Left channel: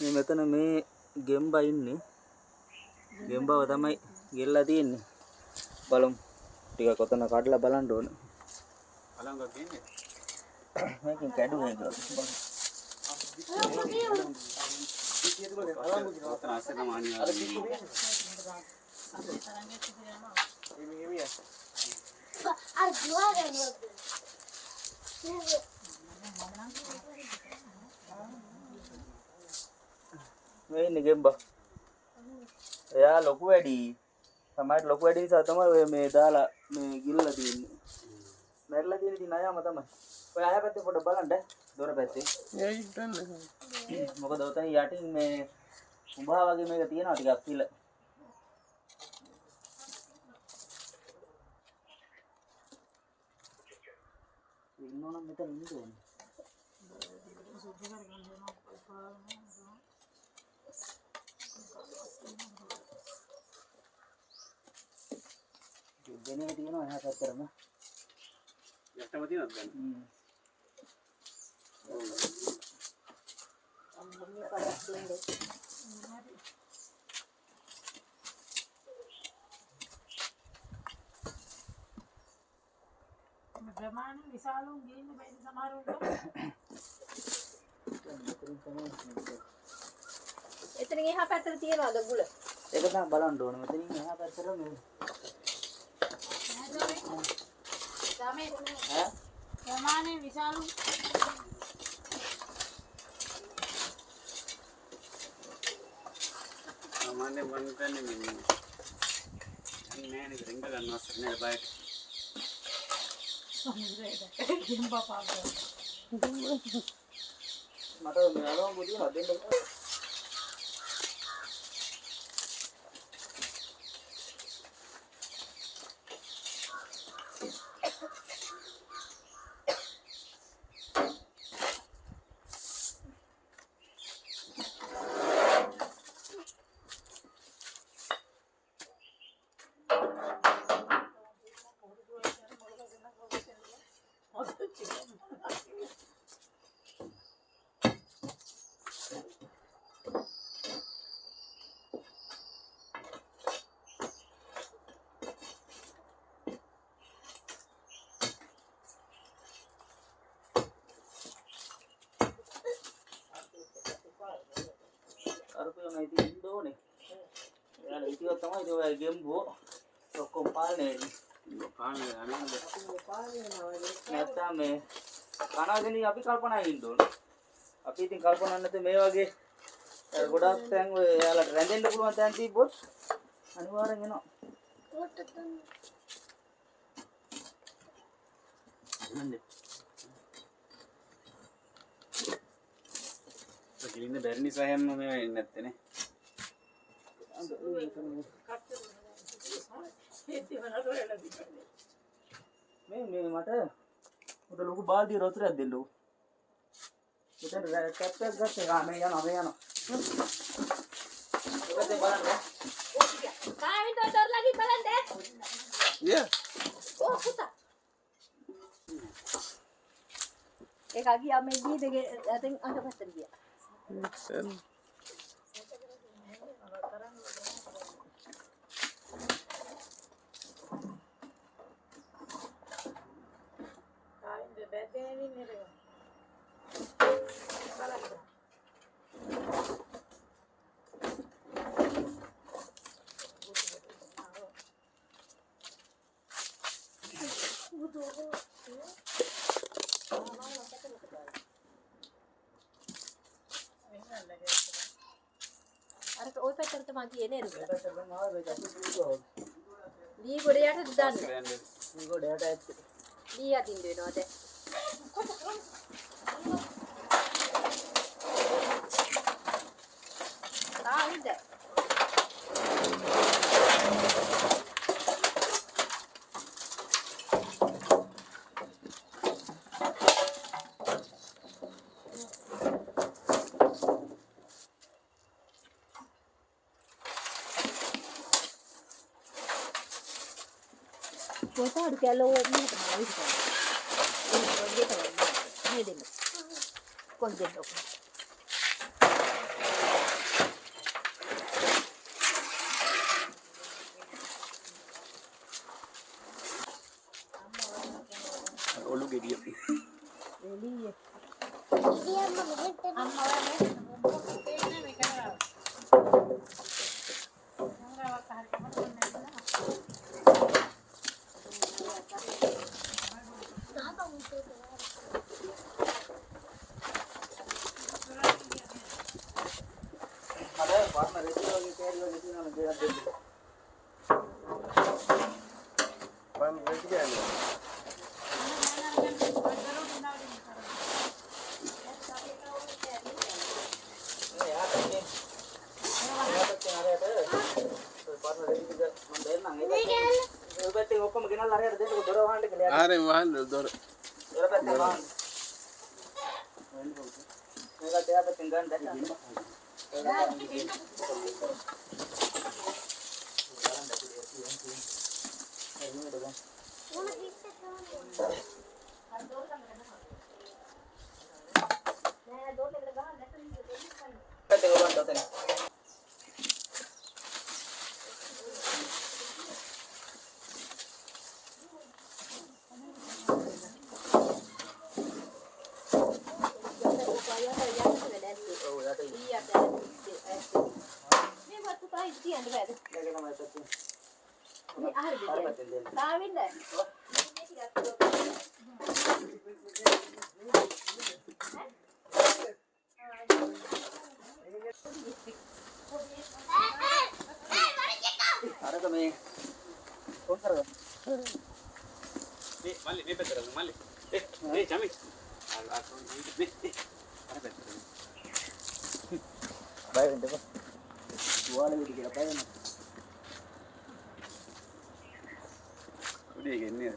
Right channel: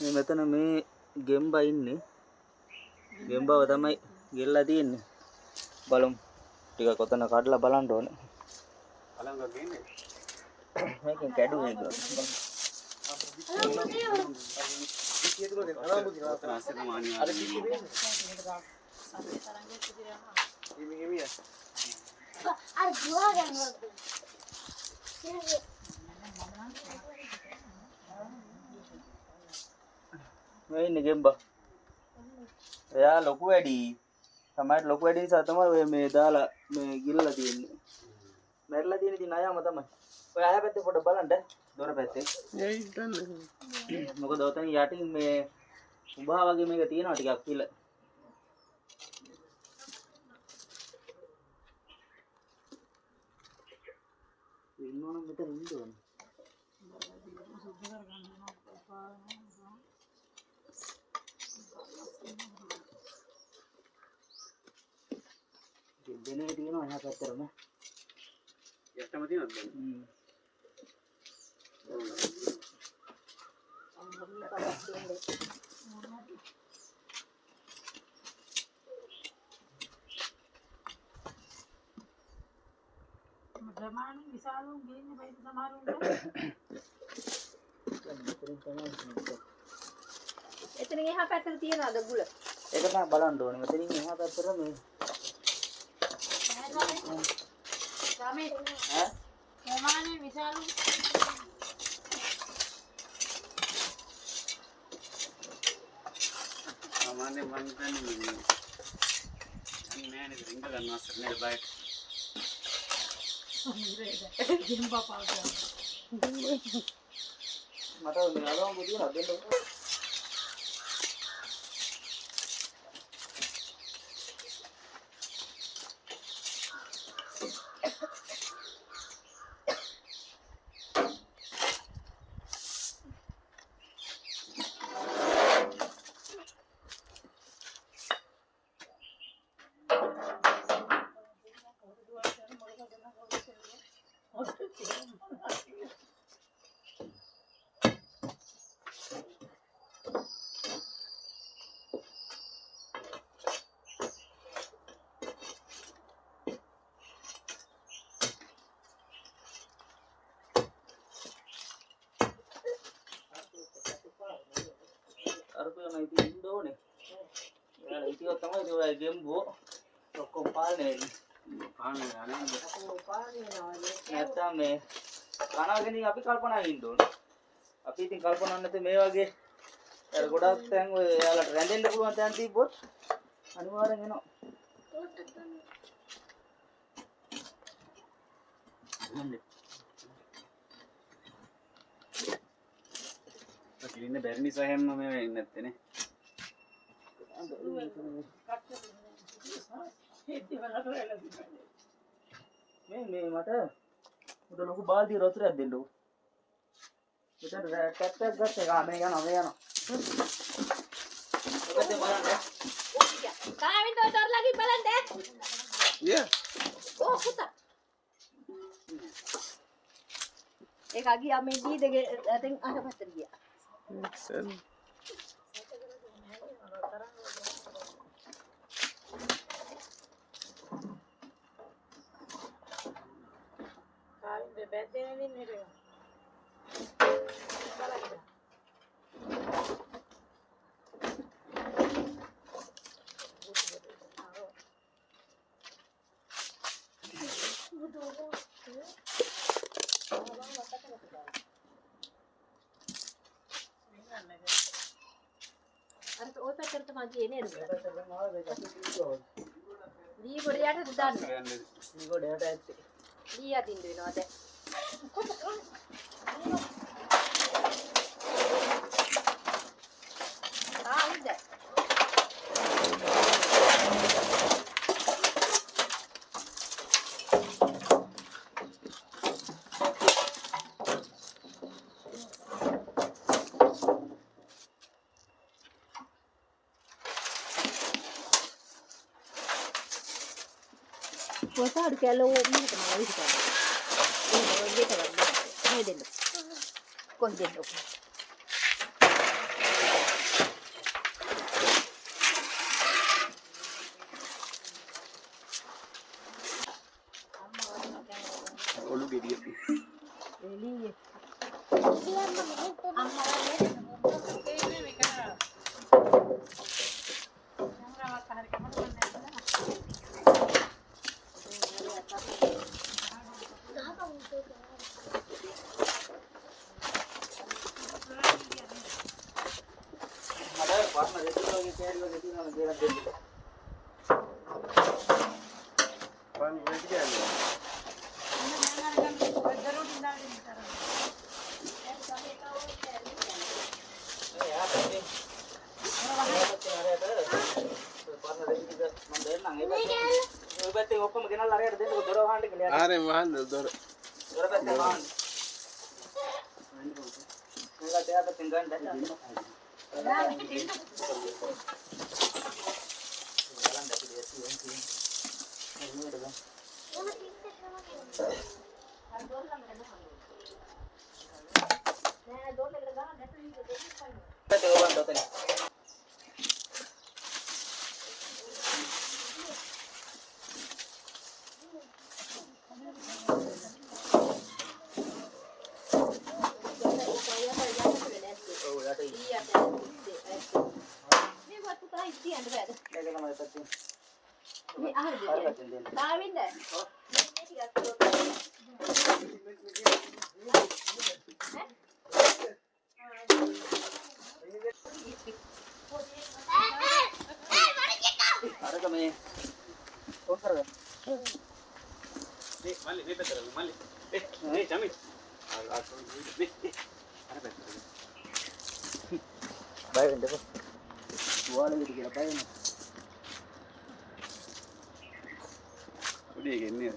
මේ මෙතන මේ ගෙම්බා ඉන්නේ. ගෙම්බාව තමයි ගෙල්ලා තියෙන්නේ. බලමු. ටිකක් ඔතන කඩලා බලන්න ඕන. බලංග ගේන්නේ. මේකෙන් කැඩුවේ ඒක. මේ ඉන්නේ ගෙම්බා. එයා ලොකු වැඩි. තමයි ලොකු වැඩි නිසා තමයි ඔය මේ දාලා මේ ගිල්ලලා තියෙන්නේ. මැරිලා තියෙන ඉතින් අයම තමයි. ඔය අය පැත්තේ පොඩ්ඩක් බලන්න. දොර පැත්තේ. මොකද ඔතන යටින් මේ උභා වගේ මේක තියෙනවා ටිකක් පිළ. ඉන්නවනම් මෙතන ඉන්න ඕනේ. දෙනේ තියෙනවා එහා පැත්තරම. යටම තියෙනවද දැන්? ප්‍රමාණ විශාලුන් ගින්නේ බයිද සමහරුන්ට. එතනින් එහා පැත්තට තියනවාද ගුල? ඒක තමයි බලන්න ඕනේ. මෙතනින් එහා පැත්තට මේ තමයි ඈ ප්‍රමාණය විශාලුන් සාමාන්‍ය මං දන්නේ නෑ නේද රින්ග ගන්න අවසර නෑ බයිට්. ගෙම්බා පාගා. මට මේ අලවම් පුදිනවා දෙන්න. අරපුවම ඉතින් ඉන්න ඕනේ. එයාලා ඉතිවත් තමයි ඔය ගෙම්බෝ ඔක්කොම පාලනය වෙන්නේ. නැත්තම් මේ කනගෙන අපි කල්පනා ඉන්න ඕනේ. අපි ඉතින් කල්පනා නැත්නම් මේ වගේ අර ගොඩක් තැන් ඔය එයාලට රැඳෙන්න පුළුවන් තැන් තිබ්බොත් අනිවාර්යෙන් එනවා. ඉන්න බැරි නිසා හැම මේ වෙන්නේ නැත්තේ නේ. මේ මට උඩ ලොකු බාල්දිය වතුරක් දෙන්නකෝ. මෙතන ටැප් එකක් ගත්තා. මේ යනවා. ඔබත් බලන්න. කාවින් දොර ලගි බලන්න. පුතා. ඒක ගියා මේ දී දෙක අතෙන් අහපතට ගියා. කායින්ද බැද්දේ නින්නේ. අර ඔය පැත්තට තමයි ගියේ නේද? දී ගොඩ යට දාන්න. මේ ගොඩට ඇත්තේ. දී යටින් දෙනවා දැන්. තායිද? Kita ada kalau ni tak mahu kita. Ini kita ni. Ini dia. Kau dia. ada partner itu lagi kayak lagi di mana dia ada. පන් වෙටි ගන්නේ. Ya tapi. Partner itu juga mendenang ya. Berarti opo mungkin lah ada dia dora wahanda kelihatan. ආරේ වහන්න දොර. Dora berarti wahanda. Enggak dia ada tinggal dah. Oh, ya tadi. Iya, ini buat tuh tahu itu yang ada. Lagi nama itu. Ini ada Tahu dia. betul dia. Kawin dah. Ini tidak tahu. Ada kami. Kosar kan? මේ මල්ලි මේ පැත්තට මල්ලි. මේ ජමි. මේ. අර පැත්තට. Baik, ente kan. Dua lagi dikira baik. උඩේ ගෙන්නේ.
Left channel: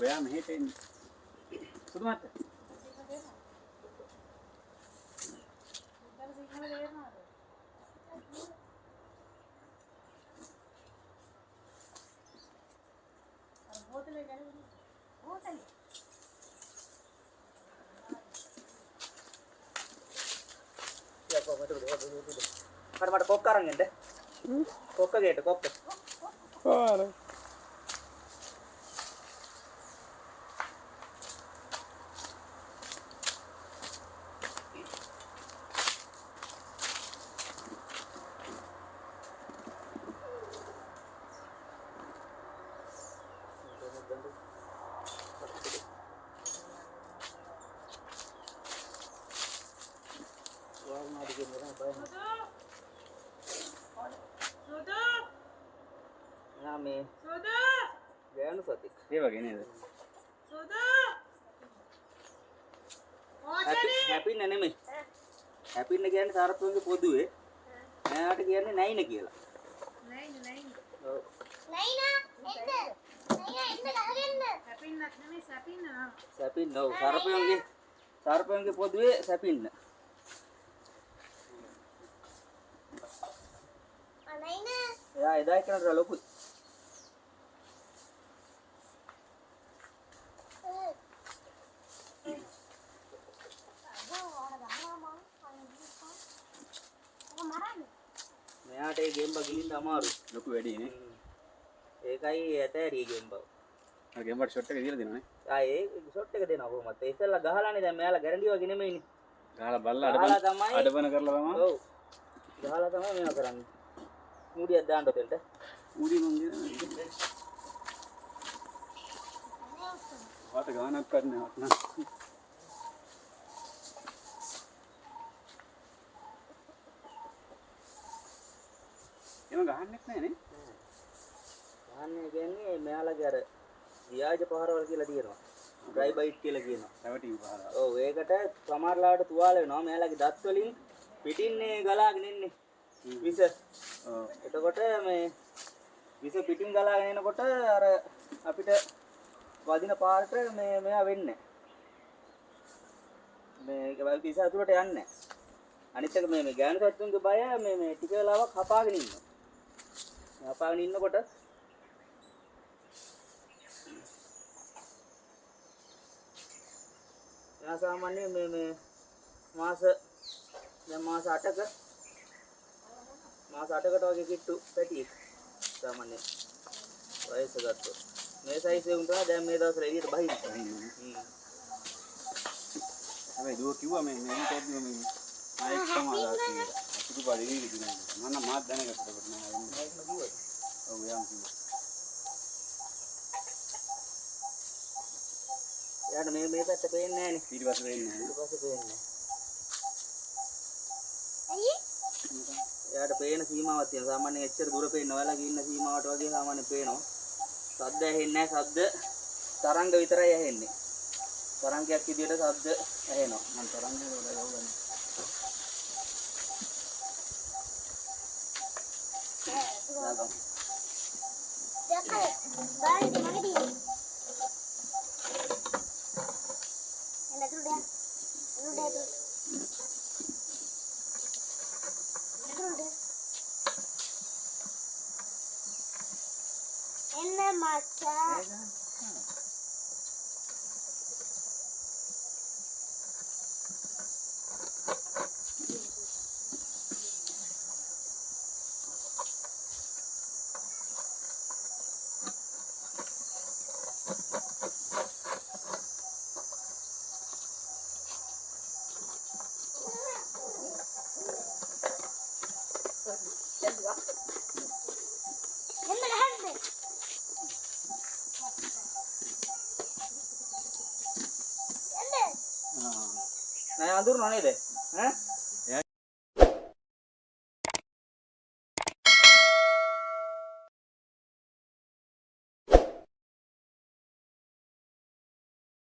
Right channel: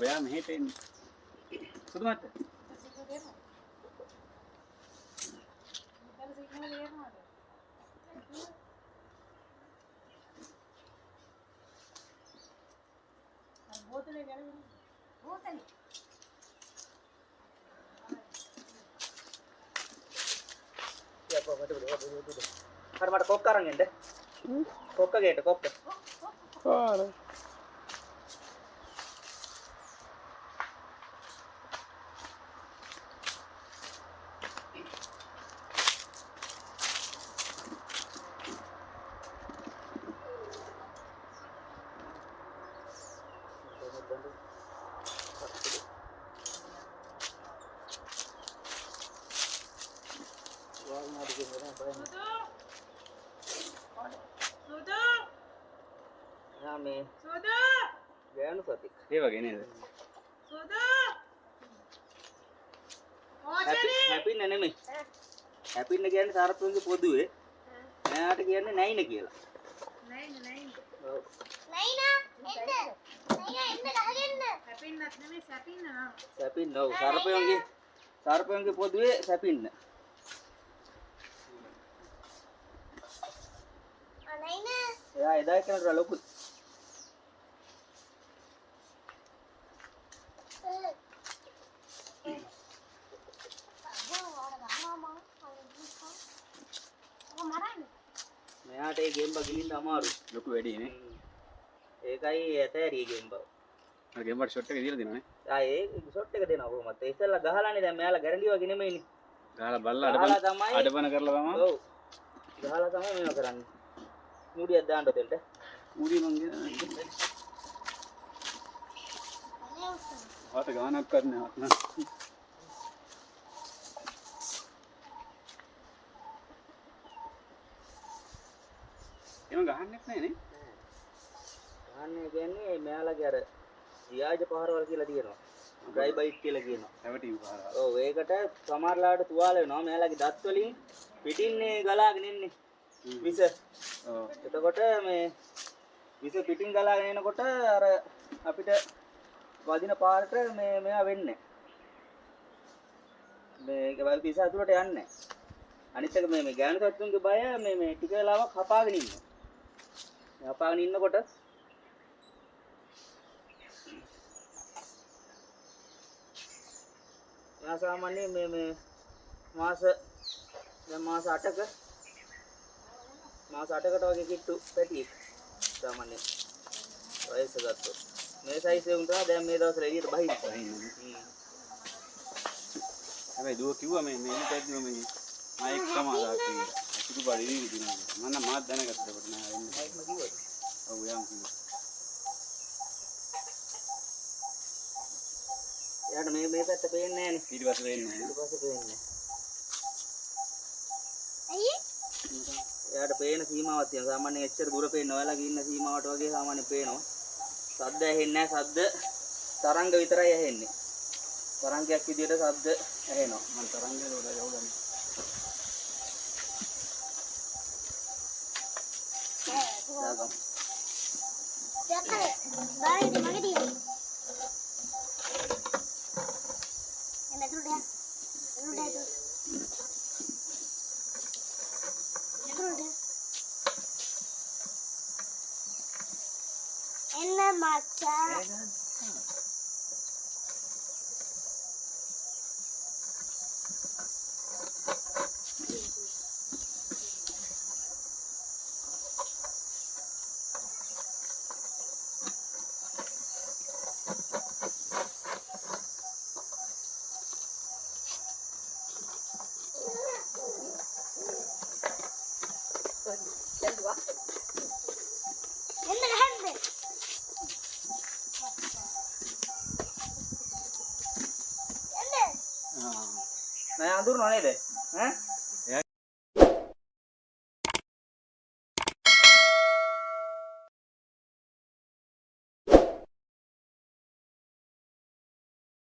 ඔයා මෙහෙට එන්නේ. සුදු මත. Ya, kok mati udah. Ada mata kok karang ente. Kok gitu, kok. ආර. Wah, mau bikin apa baik. Nami. Ganu Fatik. ඒ වගේ නේද? Happy නෙමෙයි. Happy නේ කියන්නේ සාරප්පුන්ගේ පොදුවේ. මෙයාට කියන්නේ නැයින කියලා. ඔව්. සැපින්න ඔව් සාරප්පුන්ගේ පොදුවේ සැපින්න. එයා එදා කරලා ලොකුයි. මෙයාට ඒ ගේම් බා ගිලින්න අමාරුයි. ලොකු වැඩි නේ. ඒකයි ඇතෑරිය ගේම් බා. ආ ගෙම්බර් ෂොට් එක දීලා දෙනවනේ. ඒ ෂොට් එක දෙනවා කොහොමද? ඒ ඉස්සෙල්ලා ගහලානේ දැන් මෙයාලා ගැරන්ටි වගේ නෙමෙයිනේ. ගහලා බල්ලා ගහලා තමයි. අඩබන කරලා තමයි. ඔව්. ගහලා තමයි මේවා කරන්නේ. මූඩියක් දාන්න දෙන්න. ඌරි මං ගේ. ආත ගානක් කරනවා. එම ගහන්නෙත් නැහැ නේ. ගහන්නේ කියන්නේ මෙයාලගේ අර ව්‍යාජ පහරවල් කියලා තියෙනවා. ඩ්‍රයි බයිට් කියලා කියනවා. රැවටි පහරවල්. ඔව් ඒකට සමහරලාට තුවාල වෙනවා. මෙයාලගේ දත් වලින් පිටින්නේ ගලාගෙන ඉන්නේ. විස. එතකොට මේ විස පිටින් ගලාගෙන එනකොට අර අපිට වදින පාරට මෙයා වෙන්නේ. මේක වල තිස ඇතුළට යන්නේ. අනිත් එක මේ ගෑනු සත්තුන්ගේ බය මේ ටික වෙලාවක් හපාගෙන ඉන්නවා. මේ හපාගෙන ඉන්නකොට යා සාමාන්‍යයෙන් මේ මාස 8ක මාස 8කට වගේ කිට්ටු පැටියෙක් සාමාන්‍යයෙන් වයස ගත්තොත්. මේ සයිස් එක උන්ට දැන් මේ දවස්වල එළියට බහින්න. හැබැයි දුව කිව්වා මේ තැද්දි මේ මයික් සමාදාති අසුදු බඩේ විදිනා මම මාත් දැනගත්තා කොට නෑ වෙන්නේ මයික්ම කිව්වද? ඔව් යාම් කිව්වා එයාට මේ පැත්ත පේන්නේ නෑනේ. ඊට පස්සේ වෙන්නේ ඊට පස්සේ පේන්නේ නෑ. එයාට පේන සීමාවක් තියෙනවා. සාමාන්‍යයෙන් එච්චර දුර පේන්නේ ඔයාලගේ ඉන්න සීමාවට වගේ සාමාන්‍යයෙන් පේනවා. ශබ්ද ඇහෙන්නේ නෑ. ශබ්ද තරංග විතරයි ඇහෙන්නේ. තරංගයක් විදියට ශබ්ද ඇහෙනවා. මම තරංගේ වල යවගන්න දාගමු. නෑ අඳුරනවා නේද? ඈ